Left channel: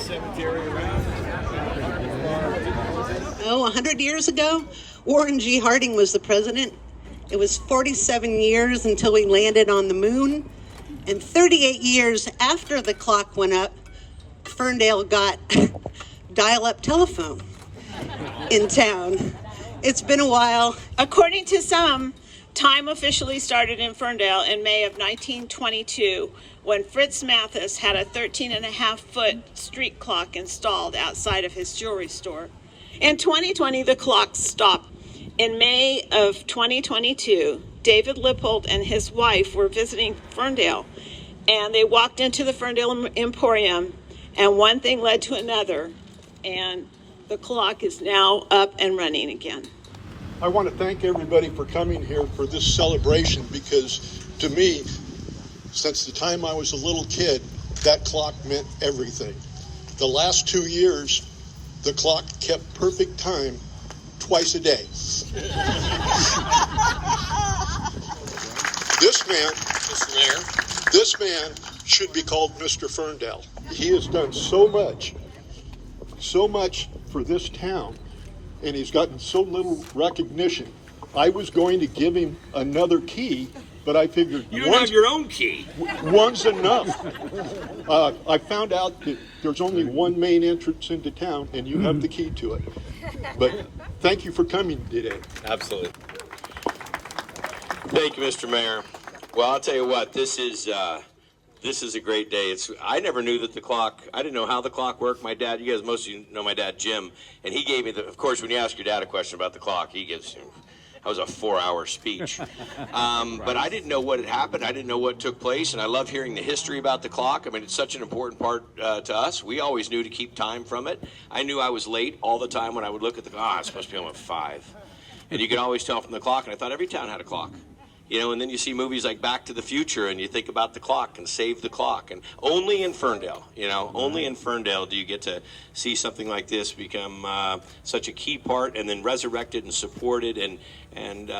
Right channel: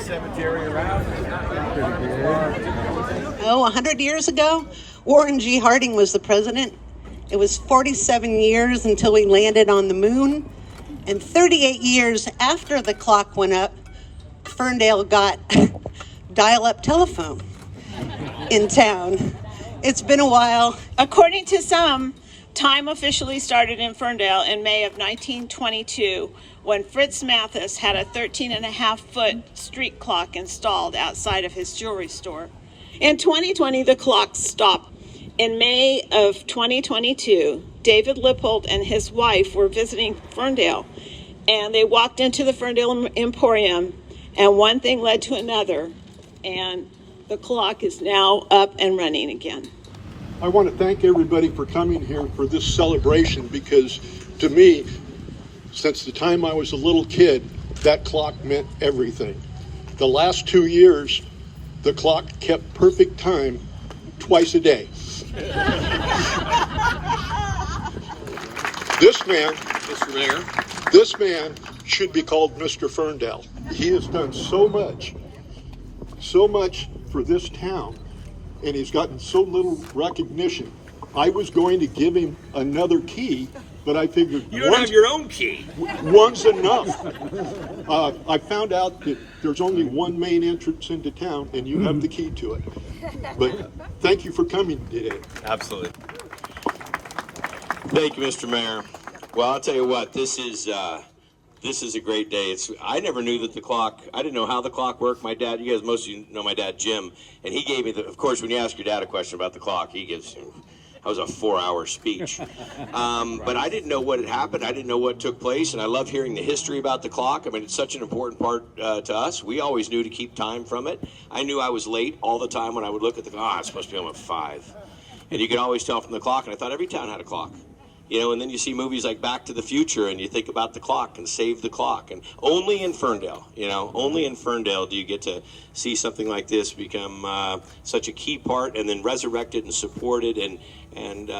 cemetery around. Oh, 100 years ago, Warren G. Harding was the president. It was 47 years until we landed on the moon. And 38 years after the clock went up, Ferndale got dial-up telephone in town. It's been a while. According to some, time officially started in Ferndale in May of 1922 when Fritz Mathis had a 13.5-foot street clock installed outside of his jewelry store. In 2020, the clock stopped. In May of 2022, David Lippold and his wife were visiting Ferndale, and they walked into the Ferndale Emporium, and one thing led to another, and the clock is now up and running again. I want to thank everybody for coming here for this celebration, because to me, since the time I was a little kid, that clock meant everything. The last 2 years, the clock kept perfect time twice a day. This man should be called Mr. Ferndale. He has done so much for this town, and he's gotten so little recognition. I was going to give him another key, but I figured You don't have your own key. one's enough. I found out that there's only one main entrance into town, and you have the key to it. But thank you for coming today. Absolutely. Thank you, Mr. Mayor. Well, I'll tell you what, this is a great day. I never knew that the clock, I didn't know how the clock worked. My dad, you guys, most of you know my dad, Jim, and he gave me of course, when you ask your dad a question about the clock, he gives you, that was a 4-hour speech. But I didn't know what had happened. I didn't know what took place, and I love hearing the history about the clock. I mean, it's such an important part to us. We always knew to keep time from it. I knew I was late all the time when I would look at the clock. I'm supposed to be home at 5. And you could always tell from the clock, and I thought every town had a clock. You know, and then you see movies like Back to the Future, and you think about the clock and Save the Clock. And only in Ferndale, only in Ferndale do you get to see something like this become such a key part and then resurrected and supported. And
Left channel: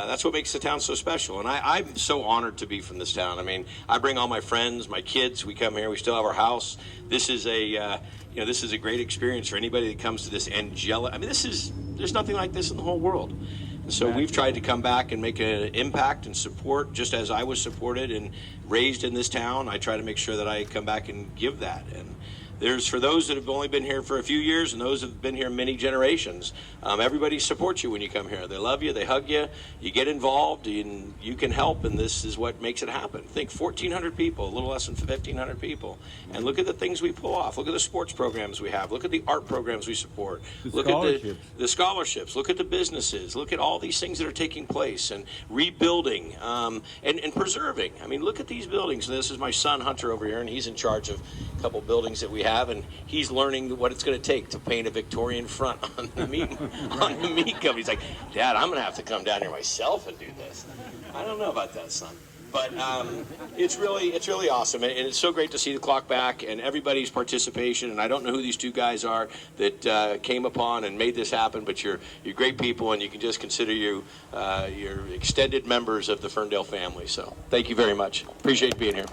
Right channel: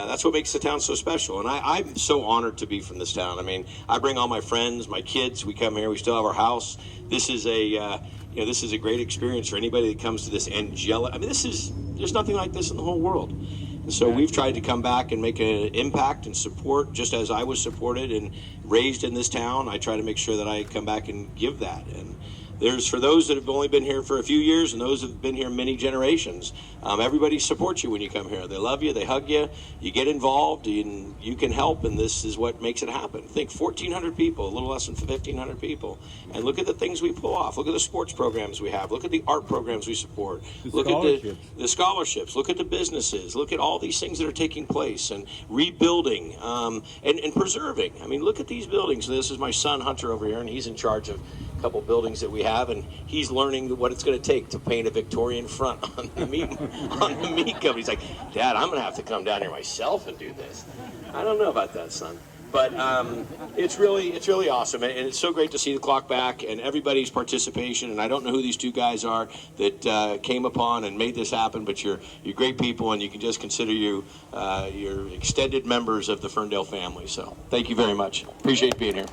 that's what makes the town so special. And I'm so honored to be from this town. I mean, I bring all my friends, my kids. We come here. We still have our house. This is this is a great experience for anybody that comes to this angelic. I mean, there's nothing like this in the whole world. So we've tried to come back and make an impact and support, just as I was supported and raised in this town. I try to make sure that I come back and give that. And there's, for those that have only been here for a few years and those that have been here many generations, everybody supports you when you come here. They love you, they hug you, you get involved, and you can help, and this is what makes it happen. Think 1,400 people, a little less than 1,500 people, and look at the things we pull off. Look at the sports programs we have. Look at the art programs we support. Look at the scholarships. Look at the businesses. Look at all these things that are taking place, and rebuilding and preserving. I mean, look at these buildings. This is my son Hunter over here, and he's in charge of a couple buildings that we have, and he's learning what it's going to take to paint a Victorian front on the meat company. He's like, Dad, I'm going to have to come down here myself and do this. I don't know about that, son. But it's really awesome, and it's so great to see the clock back and everybody's participation. And I don't know who these two guys are that came upon and made this happen, but you're great people, and you can just consider you your extended members of the Ferndale family. So thank you very much. Appreciate being here.